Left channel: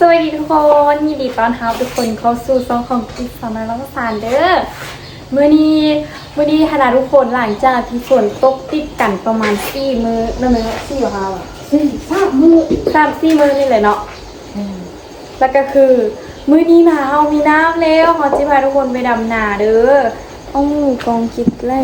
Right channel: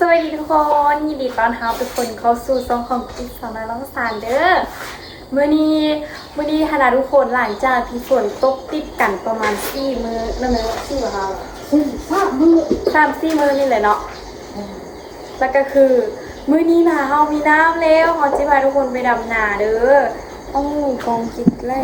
สวัสดีทุกคนยินดีต้อนรับทุกคนเข้าสู่ช่องของกิ๊กสาวน้อยร้องสารเด้อมื้อนี้คณะทุกคนหลังจากที่ฝนตกติดกันประมาณ4 มื้อนั่นเลย4ว่า3 มื้อ3-4 มื้อนี่แหละเนาะแล้วก็คือมื้อนี้หนาวมีน้ำแล้วขอจิพาทุกคนไปดำนาเด้อกองกิ๊กไล่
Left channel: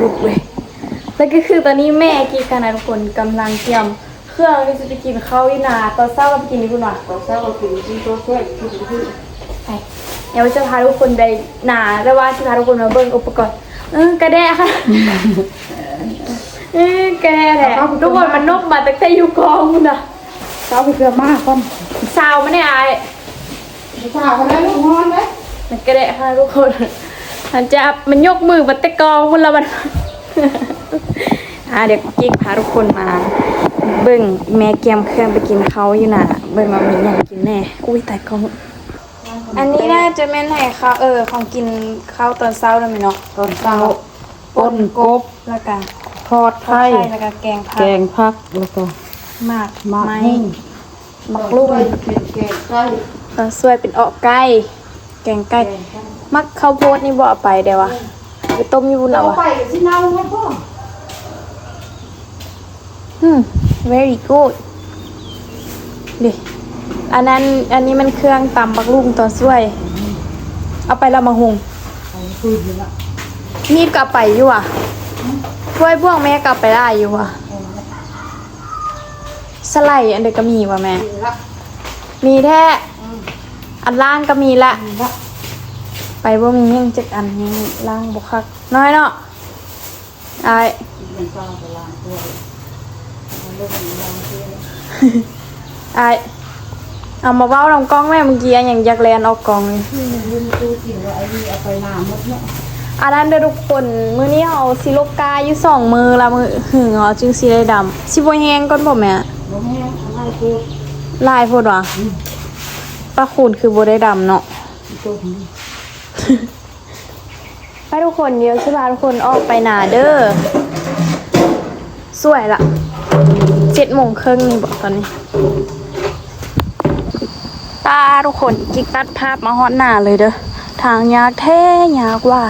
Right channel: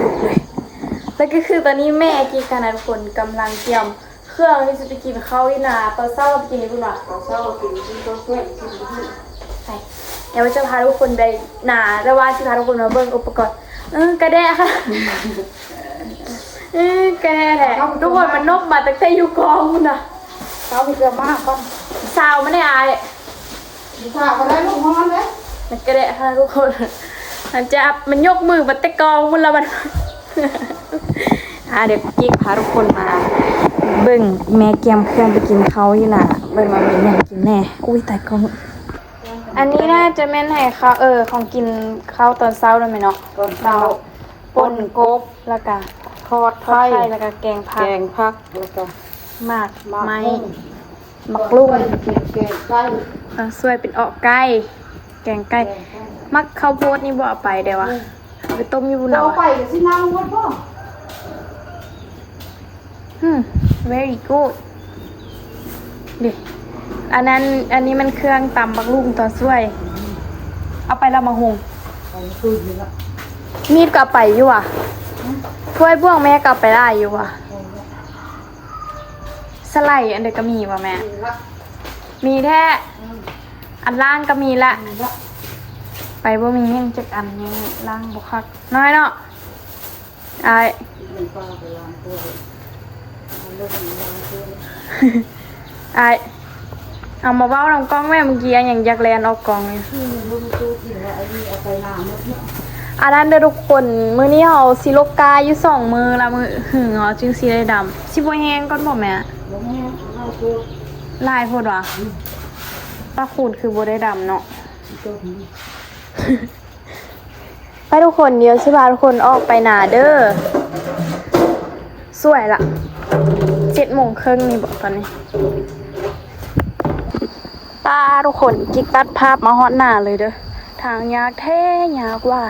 ลุกเลยแล้วก็คือตอนนี้แม่กิ๊กคณะทุกคนกำลังเตรียมเครื่องที่จะไปกินข้าวที่นาตอนเช้าเราไปกินนี่คุณหน่อยตอนเช้าเรากินที่โต๊ะเพื่อนที่ไปเดี๋ยวจะพาทุกคนไปนาแต่ว่าจะพาทุกคนมาเบิ่งอุปกรณ์กระแดะค่ะกระแดะแหละทุกคนมันนกมาตั้งแต่อยู่กองคุณน่ะเช้าไปเกลือมากก่อนสาวไม่ได้อายเช้าเขาได้ลูกฮอนเลยมันกระแดะค่ะทุกคนมันยกมือมาแต่กองคุณละมันเดี๋ยวกิ๊กพาทุกคนมาเบิ่งแม่เกียมเครื่องไปกินเขาอยู่น่ะเบิ่งมามีอย่างกินแน่อุ้ยแต่กองอันนี้น่าจะแม่นให้เขาของกินข้าวตอนเช้าด้วยไหมเนาะตอนเช้าป่นกบแล้วก็ทอดไข่แล้วก็แกงผักแล้วก็หมากไม้หมักลูกแกงไก่สวยเป็นออกไก่แกงไก่มักข้าวโพดนี่บ่เอาไปเดี๋ยววะไปต้มอยู่บุญเอาไปสิเน่าไหมพ่อvery good เลยอันนี้มันเครื่องตำบักลุ่มต่อช่วยเอาไปละมาหุงมีดก็ไปอยู่อ่ะถ้วยบ่วงแม่ก็ไปได้อยู่อ่ะสไลด์อันเด็กก็มีว่ะแม่มีแท้อันล่างก็มีละไปบ่มียังจักอันนี้ล่างบุคักน้อยเนาะเอามาเว้าลำกล้องแม่เมื่อกี้อย่างยักแลนออกกองอันนั้นเด้อทุกคนมื้อนี้เอาซิโลกาอยู่2 มือละมือหึงเอาจึงสิได้ดำสิบ่แห้งก่อนบ่แม่บ่แห้งลายโพดว่ะป้าคูณคือบ่ได้ดำเนาะไปทุกคนเดี๋ยวสิพาทุกคนออกไปหนาเด้อสวยละ7:30นี่บอกตอนนี้ตาทุกคนกิ๊กตัดภาพมาฮอดหน้าเลยเด้อทางยากแท้ยากว่า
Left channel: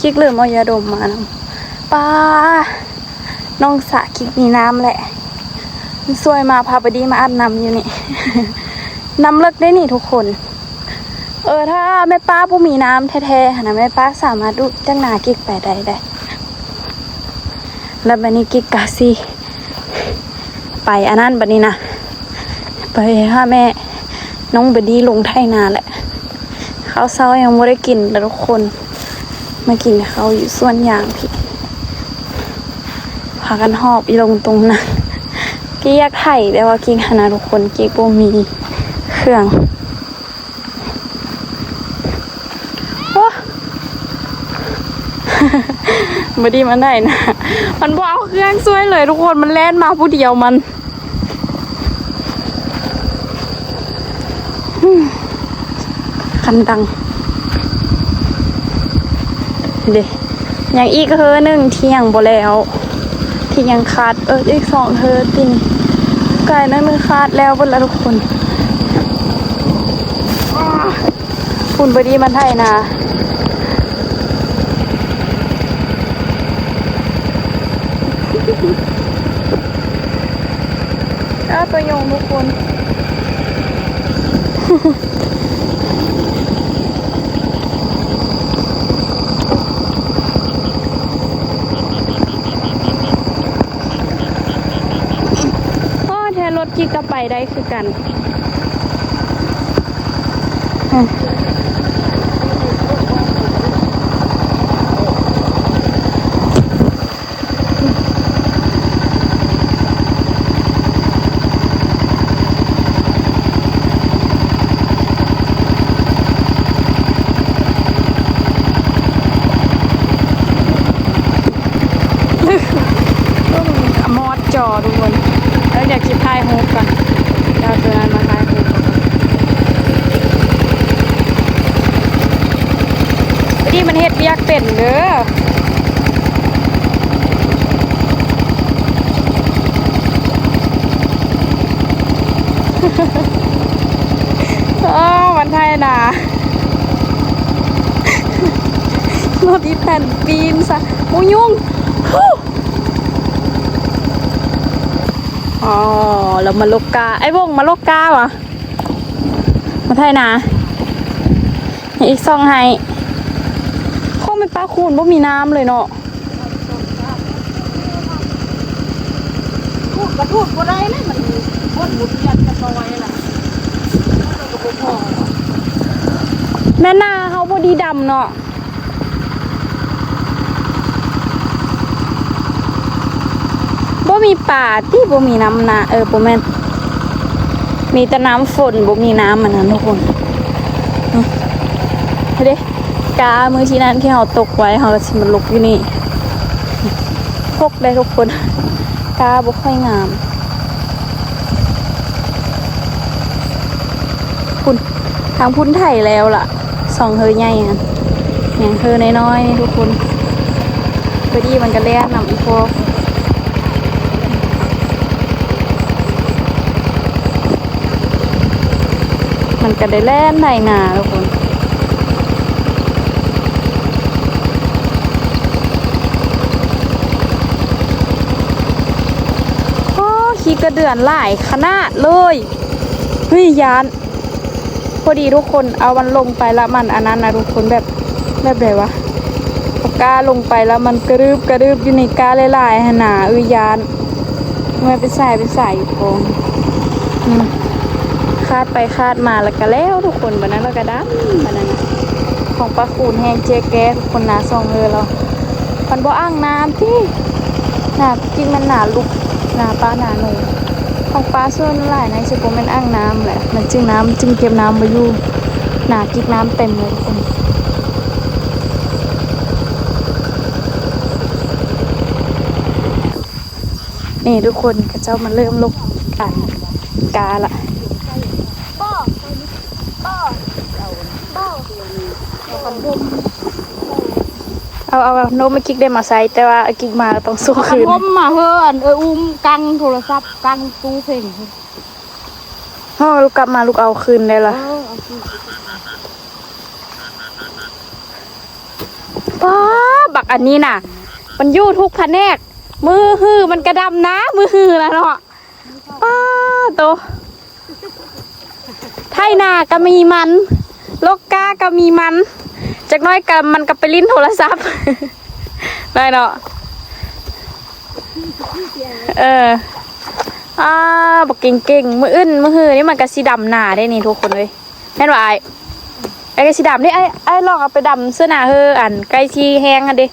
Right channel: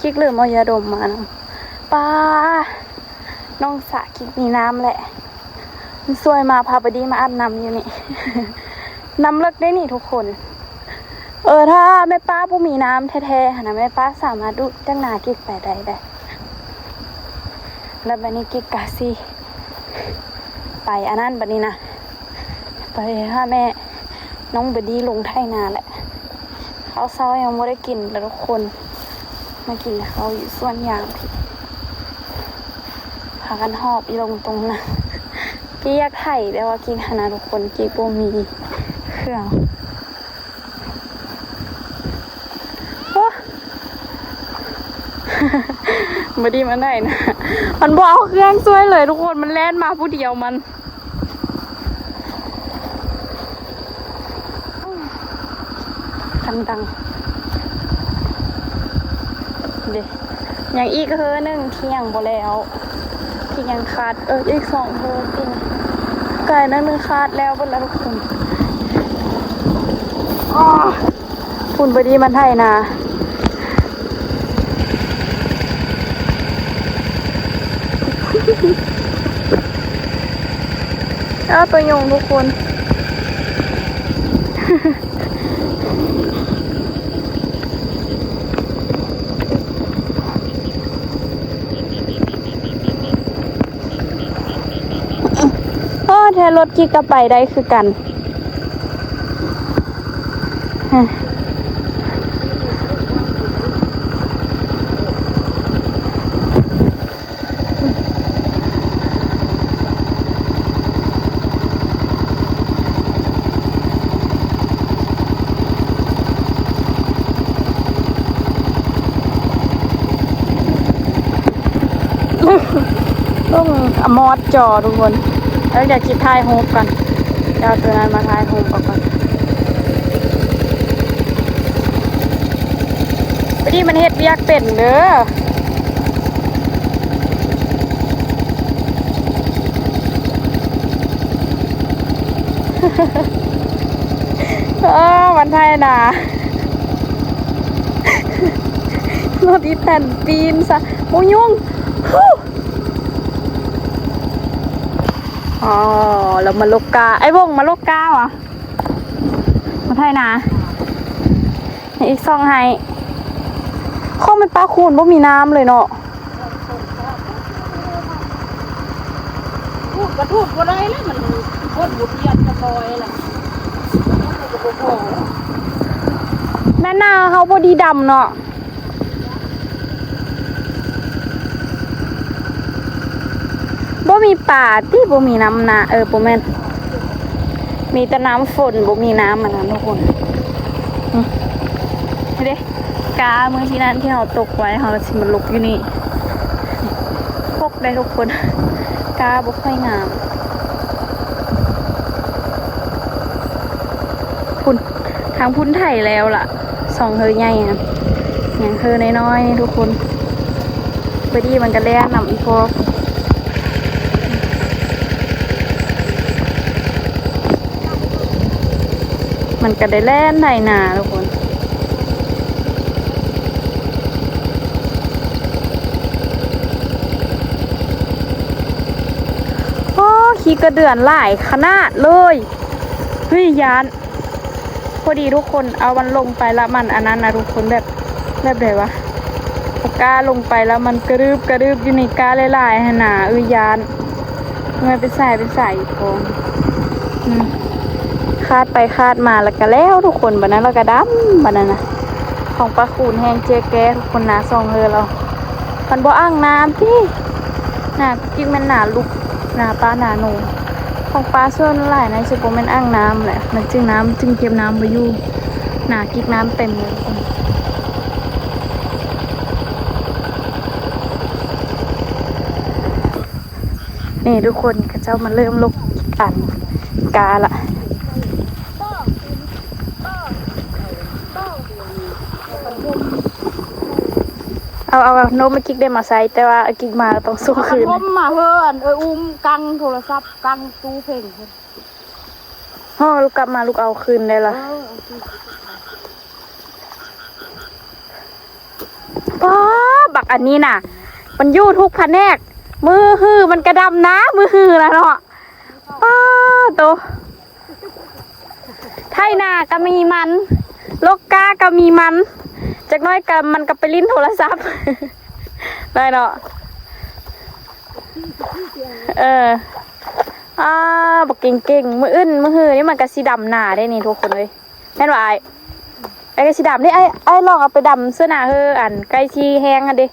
กิ๊กลืมเอายาดมมานำป้าน้องสะกิ๊กมีน้ำแหละสวยมาพาไปดีมาอาบน้ำอยู่นี่ น้ำเลิกได้นี่ทุกคนถ้าแม่ป้าผู้มีน้ำแท้ๆนะแม่ป้าสามารถดูจังหนากิ๊กไปได้แล้วบัดนี้กิ๊กกะสิไปอันนั้นบัดนี้นะไปหาแม่น้องบดีลงไถนาแหละข้าวเช้ายังไม่ได้กินแต่ทุกคนมากินเขาอยู่ส่วนยางพี่พากันหอบอีลงตรงนั้นกิ๊กอยากไถ่แต่ว่ากิ๊กหาทุกคนกิ๊กบ่มีเครื่องมาดีมันได้นะมันบอกเครื่องช่วยเลยทุกคนมันแล่นมาผู้เดียวมันคันดังเด็อย่างอีก1 เที่ยงบ่แล้วที่ยังขาดอีก2ตินไก่นั้นมือขาดแล้วเบิดแล้วทุกคนคุณบดีมันไทยนะตัวยงทุกคนแทนรถกิ๊กก็ไปได้คือกันต้องมอดจอทุกคนแล้วอยากคิดถ่ายรูปกันเดี๋ยวตัวนั้นมาถ่ายรูปก่อนนี่มันเฮ็ดเรียกเป็นเด้อ วันไทยนะรถอีแผ่นปีนซะโอ้ยุ่งอ๋อเรามาลกกาไอ้วงมาลกกาเหรอวันไทยนะอีกซองให้ข้อไม่ปลาคูนบ่มีน้ำเลยเนาะ พูดกระพูดก็ได้นะมันคนหมุดเวียนกระซอยล่ะมันก็บ่พอ แม่นาเขาพอดีดำเนาะบ่มีป่าที่บ่มีน้ำนาบ่แม่นมีแต่น้ำฝนบ่มีน้ำมันนะทุกคนเด้กามือที่นั้นที่เราตกไว้เราสิมันลุกอยู่นี่ตกได้ทุกคนกาบ่ค่อยงามพุ่นทางพุ่นไถแล้วล่ะสองเฮยใหญ่อ่ะอย่างเฮยน้อยๆทุกคนพอดีมันก็แล่นนำอีพอมันก็ได้แล่นไถนาทุกคนขี้กระเดือนหลายขนาดเลยเฮ้ยยานพอดีทุกคนเอามันลงไปแล้วมันอันนั้นนะทุกคนแบบไหนวะเอากาลงไปแล้วมันกระดึบอยู่ในกาหลายๆหนาเอ้ยยานมันเป็นสายอยู่กองคาดไปคาดมาแล้วก็แล้วทุกคนบัดนั้นเราก็ดำบัดนั้นนะของปลาคูนแห้งเจ๊แกทุกคนหนาซองเรามันบ่อ่างน้ำที่หนาจริงมันหนาลุกหนาปลาหนาหนูของปลาส่วนหลายในเฉพาะมันอ่างน้ำแหละมันจึงน้ำจึงเก็บน้ำไว้อยู่หนาจิกน้ำเต็มเลยทุกคนนี่ทุกคนกระเจ้ามันเริ่มลุกกันกาละเอาโน้มมากิ๊กได้มาใส่แต่ว่ากิ๊กมาต้องสู้คืน ผมมาเฮือนอุ้มกังโทรศัพท์กังตู้เพลง ลูกกลับมาลูกเอาคืนได้ละป้าบักอันนี้น่ะมันยู่ทุกแผนกมือฮือมันกระดำนะมือฮือนะเนาะป้าโตไทยนาก็มีมันโลกกาก็มีมันจากน้อยกันมันก็ไปลิ้นโทรศัพท์ได้เนาะบักเก่งมืออื้นมือหือนี่มันก็สีดำหนาได้นี่ทุกคนเลยแม่นว่าไอ้ก็สีดำนี่ไอ้ลองเอาไปดำเสื้อหนาเฮออันใกล้ที่แห้งอันดิ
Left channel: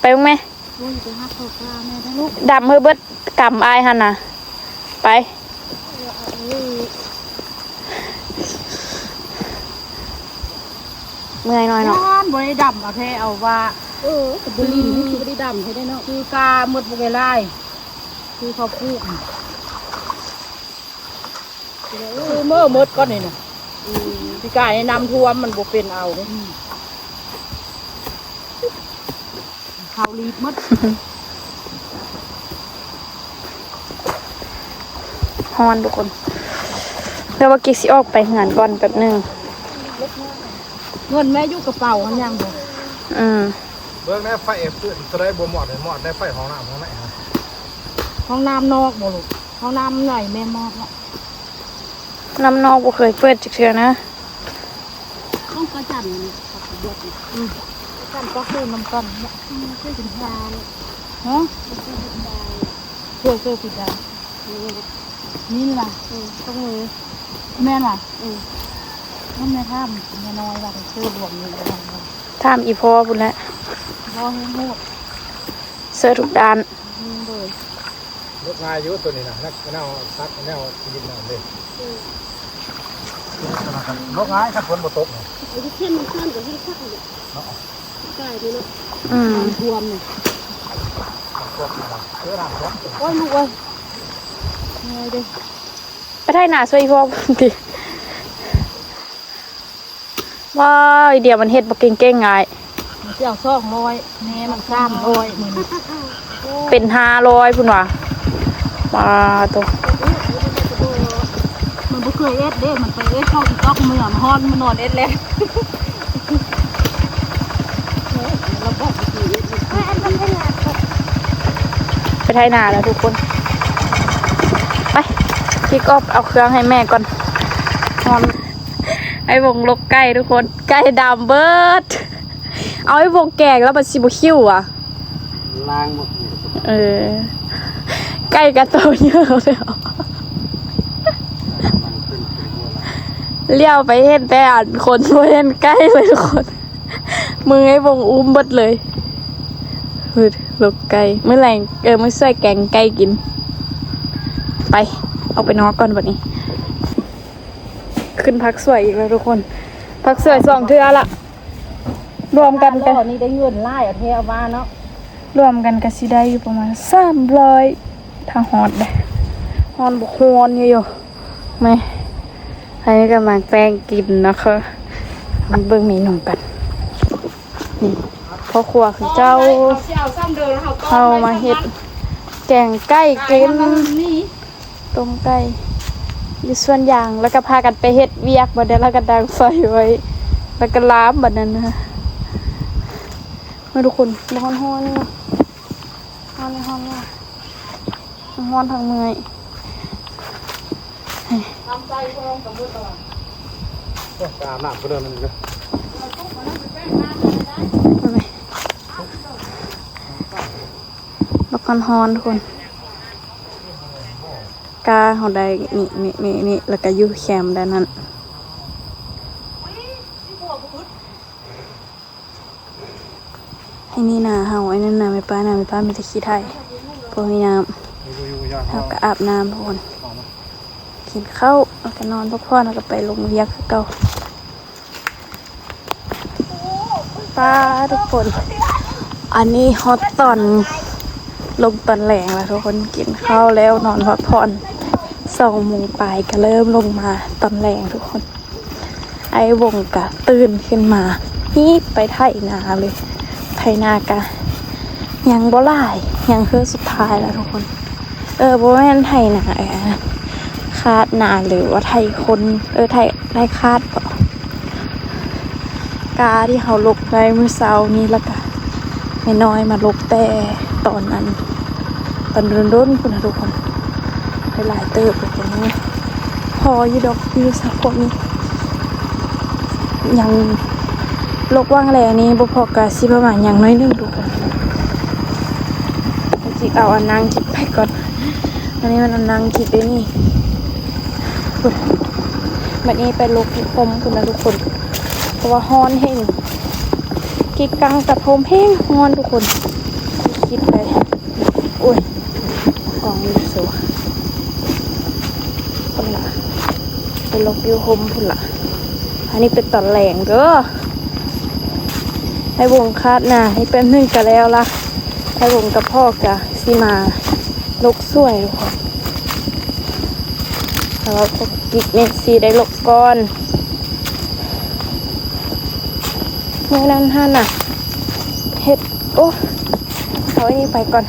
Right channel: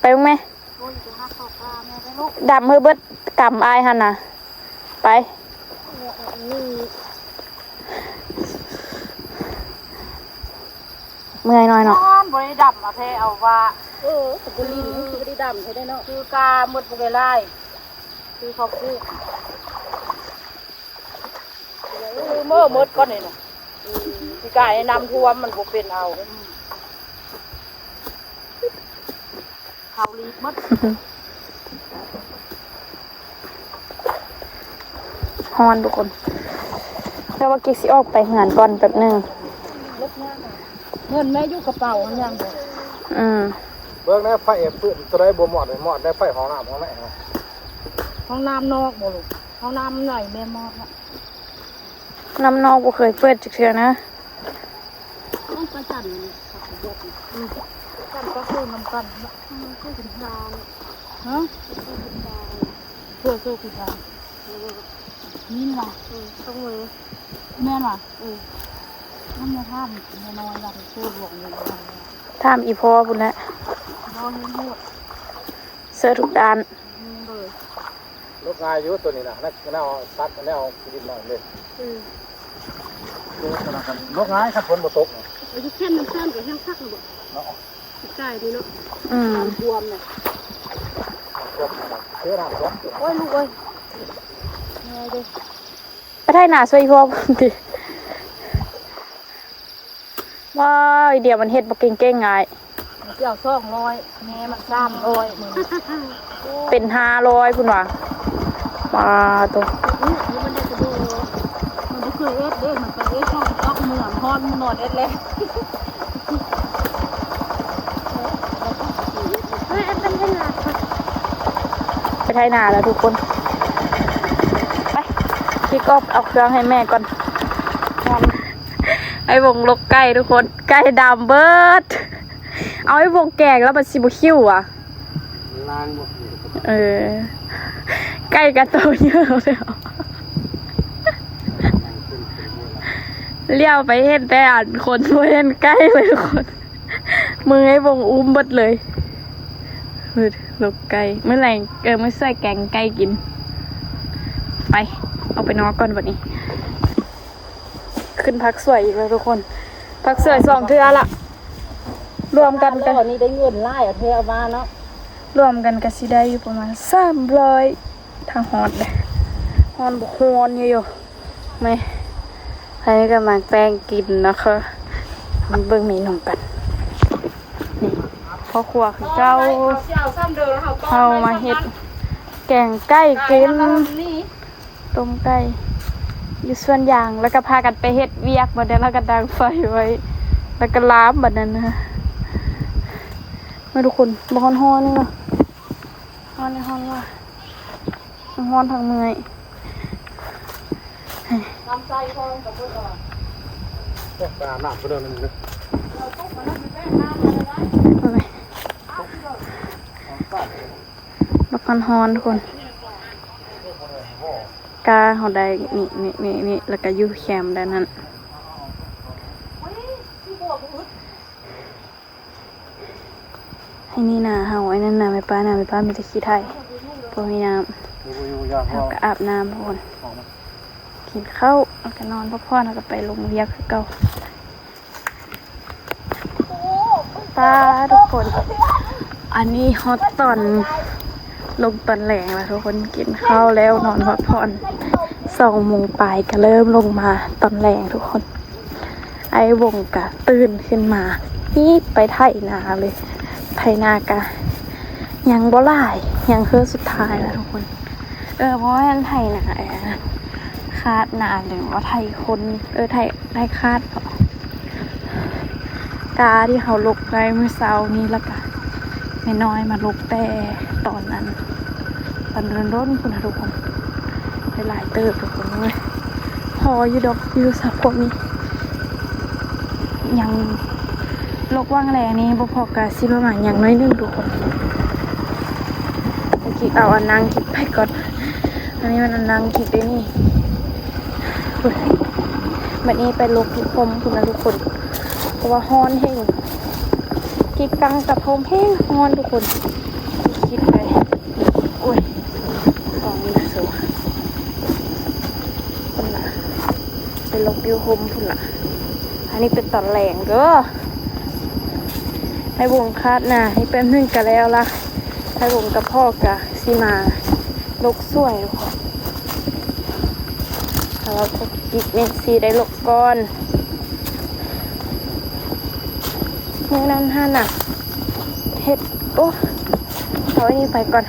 ไปบ้างไหมดำเฮอเบิดกำไอ้ฮันน่ะไปเมื่อยหน่อยเนาะบริดำเอาแท้เอาว่าบรินคือบริดำใช่ได้เนาะคือกาหมดบริไลคือเขาพูกคือเมื่อมดก็นี่นะพี่กายนำท่วมมันบ่เป็นเอาเนี่ยเขารีบมดฮอนทุกคนเดี๋ยวว่ากิ๊กสิออกไปงานก่อนแป๊บนึงเงินแม่ยุกกระเป๋ายังเลยเบื้องแรกไฟฟื้นจะได้บัวหมอดเลยหมอดได้ไฟห้องน้ำห้องไหนฮะห้องน้ำนอกบ่ลูกห้องน้ำใหญ่แม่มอดละน้ำนอกบ่เคยเปิดจักเทื่อนะต้องกระจันนี่บวชจันก็คือน้ำก้อนเนี่ยคือถึงยาฮะเพื่อผิดยานี่ล่ะตรงมือแม่ล่ะน้ำในถ้ำแม่น้อยล่ะโคตรหลวงอยู่ท่ามอีพ่อพุ่นแหละพ่อให้โง่เสื้อทุกด้านลูกงายยุตัวนี้นะนักแนวซักแนวชีวิตแนวเลยลูกงายขัดฝนบ่ตกไอ้ที่เข้มมันเข้มกับเข้มคักเลยใช่ดีเนาะบวมเนี่ยโอ้ยลูกโอ้ยดิไปไทยนาช่วยพ่อพุ่นดิว้าวเดี๋ยวมันเฮ็ดบ่เก่งๆไงเจ้า200แม่มัน300นี่เป็น500พุ่นว่ะมาตัวมัน เคยเอ็ดเด้มันไปเอ็ดเข้าอีกอกเมืองฮอนมันนอนเอ็ดแล้วแล้วก็ไปเอ็ดไปไถนาแล้วทุกคนไปพี่ก็เอาเครื่องให้แม่ก่อนไอ้วงลกไก่ทุกคนไก่ดำเบิดเอาไอ้วงแกงแล้วมันสิบคิวอ่ะ ล้างหมด ไก่กระโตเยอะเลยเลี้ยวไปเห็นแต่อ่านคนไม่เห็นใกล้เลยทุกคนมือไอ้วงอุ้มเบิดเลยลูกไก่เมื่อไหร่ไม่ใส่แกงไก่กินไปเอาไปนอนก่อนวันนี้ขึ้นพักสวยอีกแล้วทุกคนพักสวย2 เทื่อละรวมกัน ตอนนี้ได้เงินไล่เอาเทเอามาเนาะรวมกันก็สิได้อยู่ประมาณ300ถ้าฮอดเลยฮอนบุกฮอนอยู่ไหมให้กำลังแป้งกินนะคะมันเบิ่งเมนูกันนี่พ่อครัวของเจ้าเข้ามาเฮ็ดแกงไก่กินต้มไก่อยู่ส่วนยางแล้วก็พากันไปเฮ็ดเวียกบัดนี้แล้วก็ดังไฟไว้แล้วก็ล้ามบัดนั้นนะมาทุกคนบ่ฮ้อนๆนี่เนาะฮ้อนว่ะฮ้อนทางเมื่อยทำใจพร้อมกับมือก่อน ตามหน้าไปเดินนั่นเลย บักฮอนทุกคนกาเขาได้นี่แล้วก็อยู่แคมป์ด้านนั้นไอ้นี่นาเฮาไอ้นั่นนาไม่ป้ามีแต่ขี้ไทยพวกนี้น้ำแล้วก็อาบน้ำทุกคนกินข้าวแล้วก็นอนพักผ่อนแล้วก็ไปลงเวียกคือเก่าป้าทุกคนอันนี้ฮอตตอนลงตอนแหลงแล้วทุกคนกินข้าวแล้วนอนพักผ่อน2 โมงปลายก็เริ่มลงมาตอนแหลงทุกคนไอ้วงกะตื่นขึ้นมานี่ไปไถนาเลยไถนากะยังบ่หลายยังเฮือสุดท้ายแล้วทุกคนบ่แม่นไถนาคาดนาหรือว่าไถคนไถคาดกาที่เขาลกไปเมื่อเช้านี้แล้วก็ไม่น้อยมาลกแต่ตอนนั้นตอนรุ่นคุณนะทุกคนหลายเติบทุกคนเลยพออยู่ดอกอยู่สักพวกนี้ยังลกว่างแรงนี้บ่พอกะสิประมาณอย่างน้อย1ทุกคนจิเอาอันนางจิไปก่อนอันนี้มันอันนางจิไปนี่บัดนี้ไปลกที่คมคุณนะทุกคนเพราะว่าฮ้อนแห้งกินกังกับโฮมแห้งฮ้อนทุกคนกินไปอุ้ยกองนี้สวยคนละไปลกอยู่โฮมคนละอันนี้เป็นตอนแหลงเด้อให้วงคาดนะให้เป็นนึ่งกันแล้วล่ะให้วงกับพ่อกะซีมาลกสวยแล้วก็กินเมซีได้ลกก้อนเมื่อนั้นท่านน่ะเฮ็ดโอ้เอาอันนี้ไปก่อน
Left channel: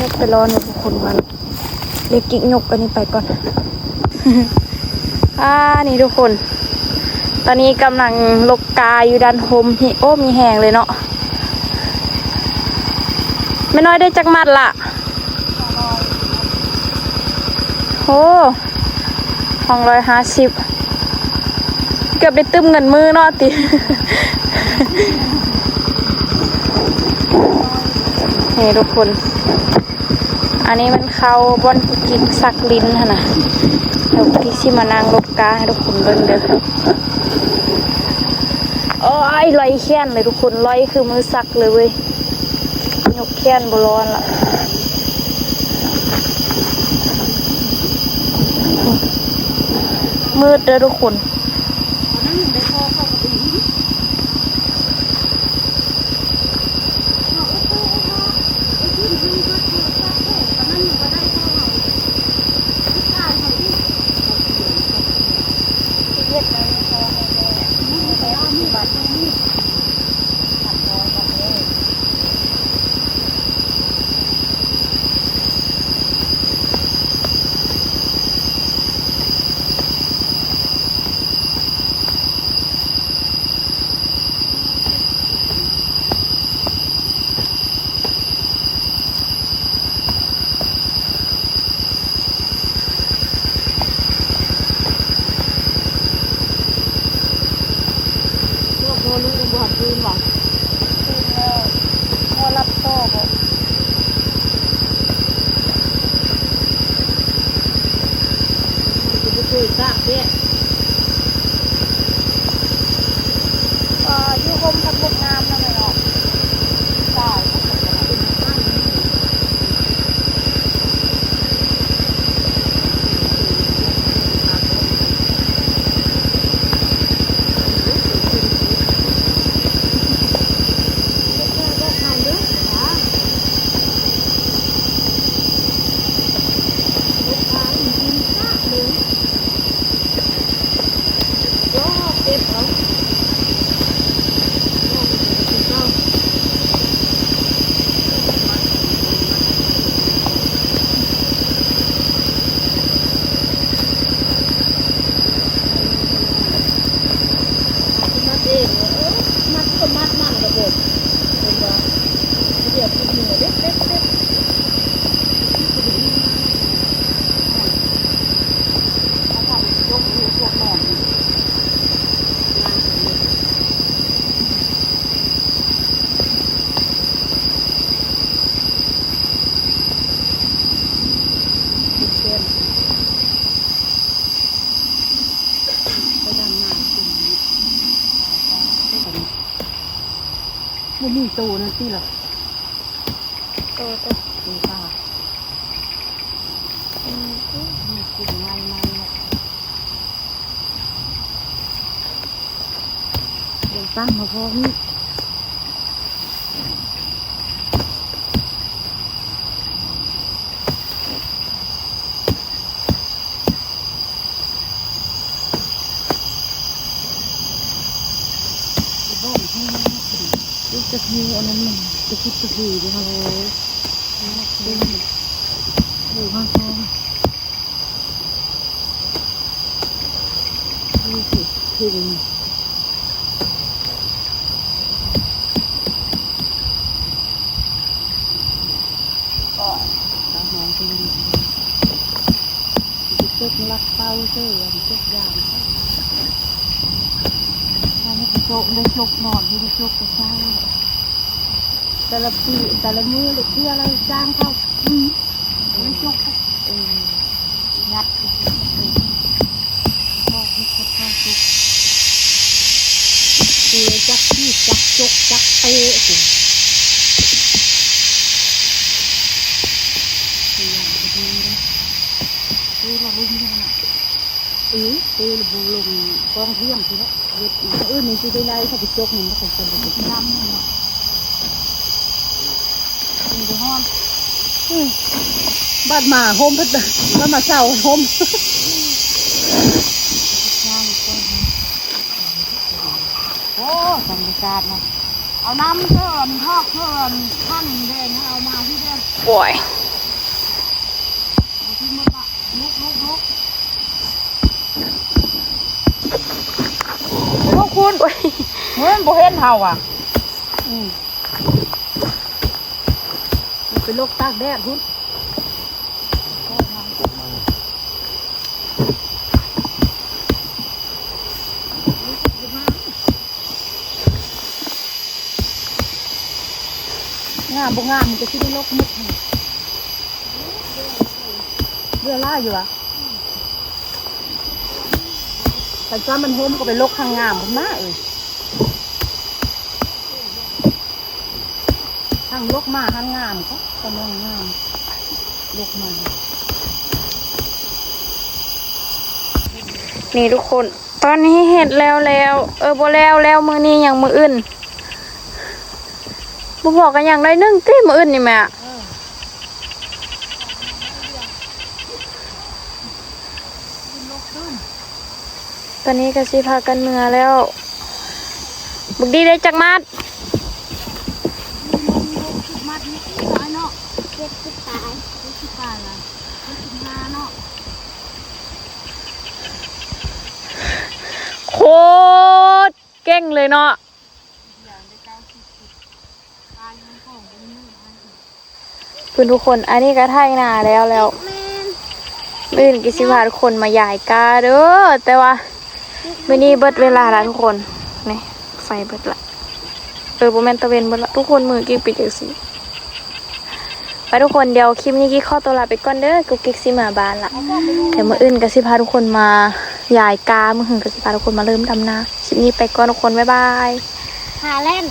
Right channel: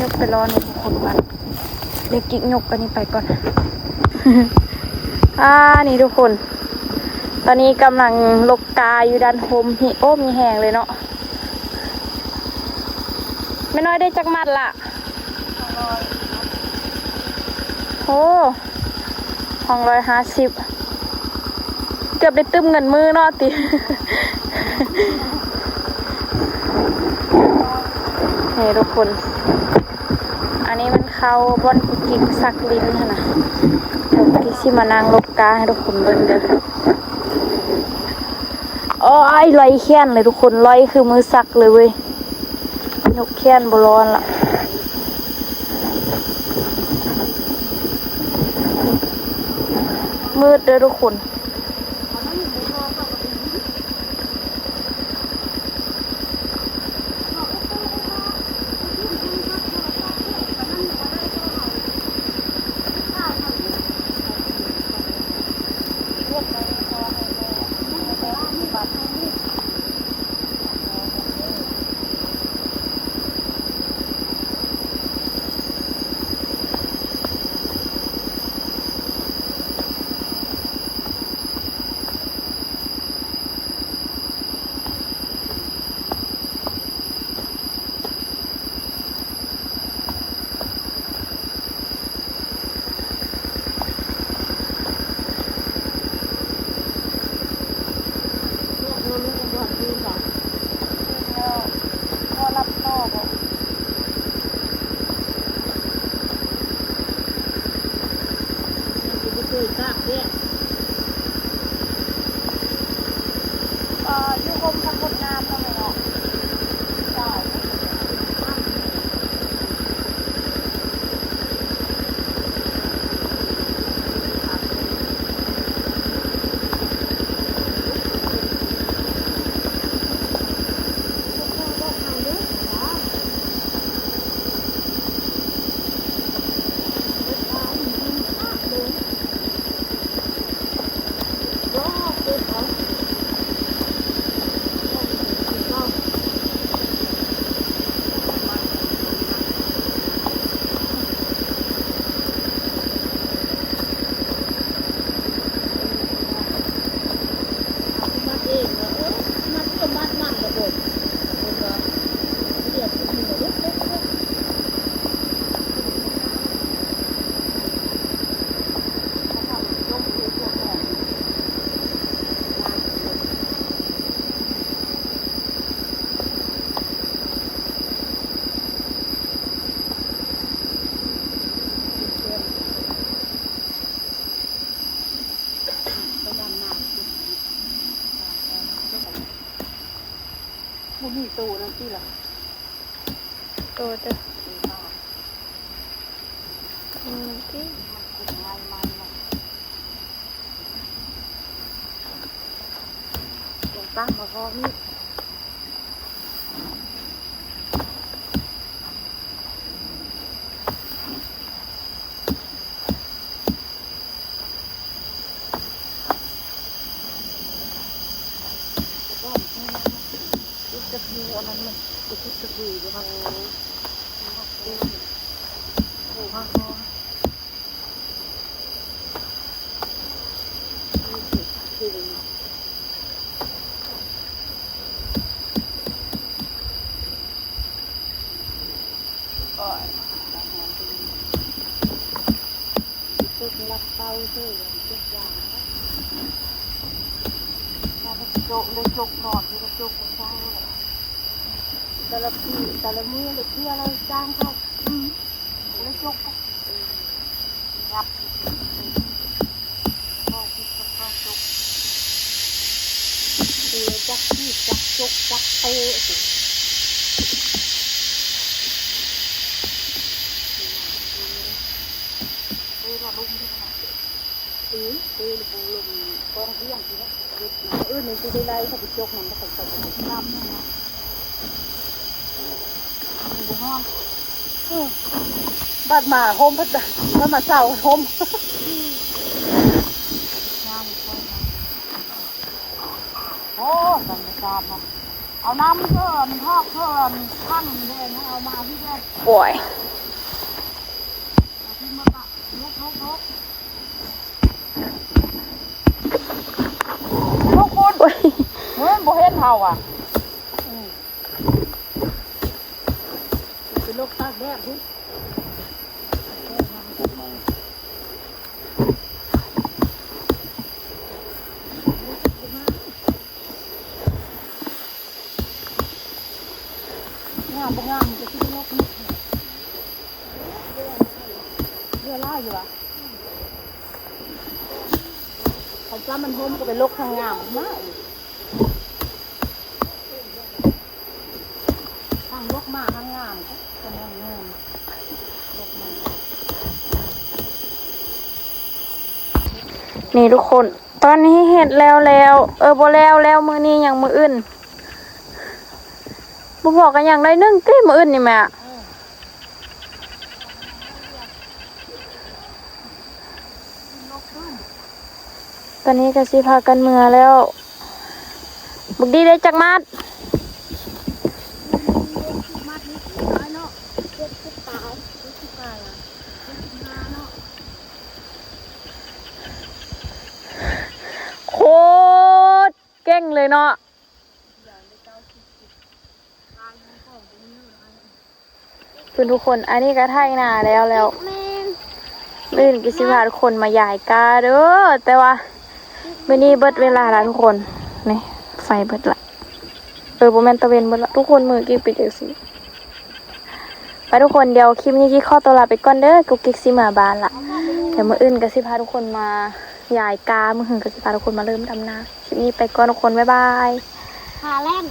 ยกไปรอหนูทุกคนมันเลยกิ๊กยกอันนี้ไปก่อน นี่ทุกคนตอนนี้กำลังลกกาอยู่ด้านโฮมโอ้มีแหงเลยเนาะไม่น้อยได้จักมัดละโอ้250เกือบได้ตึ้มเงินมือเนาะติ นี่ทุกคนอันนี้มันเข้าบอนกิกสักลิ้นนะเดี๋ยวพี่ชิมานางลกกาให้ทุกคนเบิ่งเด้อโอ้ยลอยแค้นเลยทุกคนลอยคือมือสักเลยเว้ยยกแค้นบร้อนละมืดเด้อทุกคน ตูนที่ละ เออ ตูตากินไม่เนี่ยเดี๋ยวตั้งมาพอนี่จะคืออันนั้นมันจะคิดจะคือจะเลยเป็นถูกมากเลยนี่คือก็ตาหอมเป็นเจ็บรักเต้าเสื่อมเจ็บยางมันโจกเลยโจกนอนไม่ได้โจกกระชากแต่ละปีแต่ละมือเล็กเพื่อเราจ้างเขาไม่จุกนักก็มีสภาพจุกเตียจักที่จักจกจักเตะสิตีเราลุ่มตีเราบุลมกองเที่ยงทีละเด็ดอื่นนี่ที่ได้ไล่ที่ไปจกมันไม่เป็นตัวเป็นน้ำบ้านมาโฮมพัดบ้านมาเศร้าโฮมโอ้บรรยากาศนะเอาน้ำเพื่อนท่านเด่นเอามาที่ได้ โอ้ย ที่มาลุกคุณ โอ้ย เงินโบเฮ็ดเฮาอ่ะเป็นโรคตากแดดคุณงามบ่งามมันจะคิดว่าโรคมุดเรือล่าอยู่อ่ะแต่จ้ามันโฮมก็เป็นโรคข้างงามผมนะข้างโรคมาข้างงามก็กำลังงามโรคมา นี่ทุกคน ตอนนี้เห็ดแล้วบ่แล้วมือนี้อย่างมืออื่นบ่บอกกันอย่างไรนึ่งตีมืออื่นนี่แม่ตอนนี้ก็สิพากันเมื่อแล้วบุกดีได้จักมัดโคตรเก่งเลยเนาะเพื่อนทุกคนอันนี้ก็ไทยนาแล้วมื่อนี้กิสิพาทุกคนมาใหญ่กาเด้อแต่ว่ามื่อนี้เบิดเวลาแล้วทุกคนนี่ไฟเบิดละโบแมนตะเวนเบิดละทุกคนมือกิ๊กปิดเดี๋ยวสิไปทุกคนเดี๋ยวคลิปนี้กิ๊กข้อตัวลาไปก่อนเด้อกุ๊กกิ๊กสิมาบ้านละเดี๋ยวมื่ออื่นก็สิพาทุกคนมาใหญ่กามื่อหื่นก็สิพาทุกคนมาเริ่มดำนาคลิปนี้ไปก่อนทุกคนบ๊ายบาย หาเล่น